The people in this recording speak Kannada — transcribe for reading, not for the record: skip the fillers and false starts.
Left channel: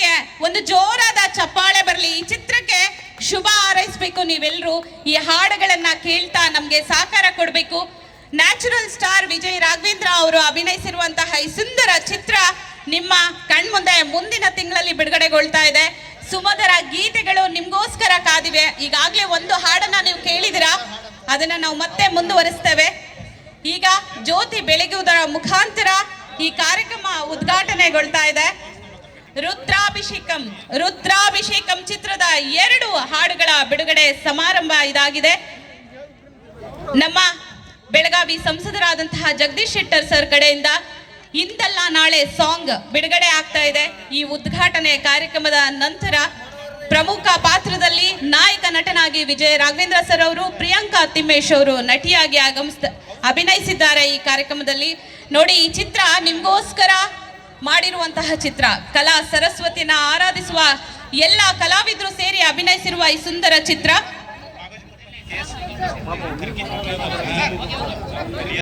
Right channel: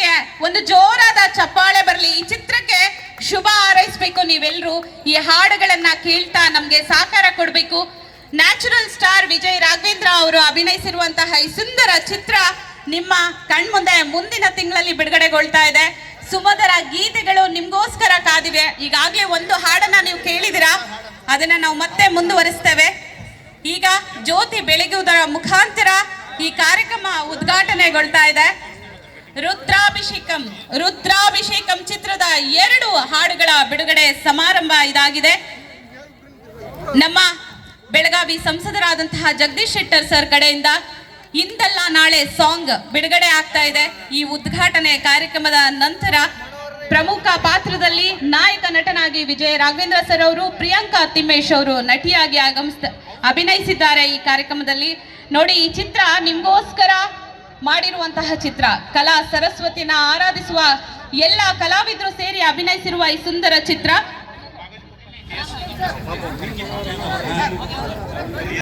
ಚಿತ್ರಕ್ಕೆ ಒಂದು ಜೋರಾದ ಚಪ್ಪಾಳೆ ಬರಲಿ. ಈ ಚಿತ್ರಕ್ಕೆ ಶುಭ ಹಾರೈಸಬೇಕು ನೀವೆಲ್ಲರೂ. ಈ ಹಾಡುಗಳನ್ನ ಕೇಳ್ತಾ ನಮ್ಗೆ ಸಹಕಾರ ಕೊಡಬೇಕು. ನ್ಯಾಚುರಲ್ ಸ್ಟಾರ್ ವಿಜಯ್ ರಾಘವೇಂದ್ರ ಅವರು ಅಭಿನಯಿಸಿರುವಂತಹ ಈ ಸುಂದರ ಚಿತ್ರ ನಿಮ್ಮ ಕಣ್ಮುಂದೆ ಮುಂದಿನ ತಿಂಗಳಲ್ಲಿ ಬಿಡುಗಡೆಗೊಳ್ತಾ ಇದೆ. ಸುಮಧುರ ಗೀತೆಗಳು ನಿಮ್ಗೋಸ್ಕರ ಕಾದಿವೆ. ಈಗಾಗಲೇ ಒಂದು ಹಾಡನ್ನ ನೀವು ಕೇಳಿದಿರಾ, ಅದನ್ನ ನಾವು ಮತ್ತೆ ಮುಂದುವರಿಸ್ತೇವೆ. ಈಗ ಜ್ಯೋತಿ ಬೆಳಗುವುದರ ಮುಖಾಂತರ ಈ ಕಾರ್ಯಕ್ರಮ ಉದ್ಘಾಟನೆಗೊಳ್ತಾ ಇದೆ. ರುದ್ರಾಭಿಷೇಕಂ ಚಿತ್ರದ 2 ಹಾಡುಗಳ ಬಿಡುಗಡೆ ಸಮಾರಂಭ ಇದಾಗಿದೆ. ನಮ್ಮ ಬೆಳಗಾವಿ ಸಂಸದರಾದಂತಹ ಜಗದೀಶ್ ಶೆಟ್ಟರ್ ಸರ್ ಕಡೆಯಿಂದ ಇಂದಲ್ಲ ನಾಳೆ ಸಾಂಗ್ ಬಿಡುಗಡೆ ಆಗ್ತಾ ಇದೆ. ಈ ಉದ್ಘಾಟನೆ ಕಾರ್ಯಕ್ರಮದ ನಂತರ ಪ್ರಮುಖ ಪಾತ್ರದಲ್ಲಿ ನಾಯಕ ನಟನಾಗಿ ವಿಜಯ್ ರಾಘವೇಂದ್ರ ಸರ್ ಅವರು, ಪ್ರಿಯಾಂಕಾ ತಿಮ್ಮೇಶ್ ಅವರು ನಟಿಯಾಗಿ ಅಭಿನಯಿಸಿದ್ದಾರೆ ಈ ಕಾರ್ಯಕ್ರಮದಲ್ಲಿ. ನೋಡಿ, ಈ ಚಿತ್ರ ನಿಮ್ಗೋಸ್ಕರ ಮಾಡಿರುವಂತಹ ಚಿತ್ರ. ಕಲಾ ಸರಸ್ವತಿನ ಆರಾಧಿಸುವ ಎಲ್ಲ ಕಲಾವಿದರು ಸೇರಿ ಅಭಿನಯಿಸಿರುವ ಈ ಸುಂದರ ಚಿತ್ರ.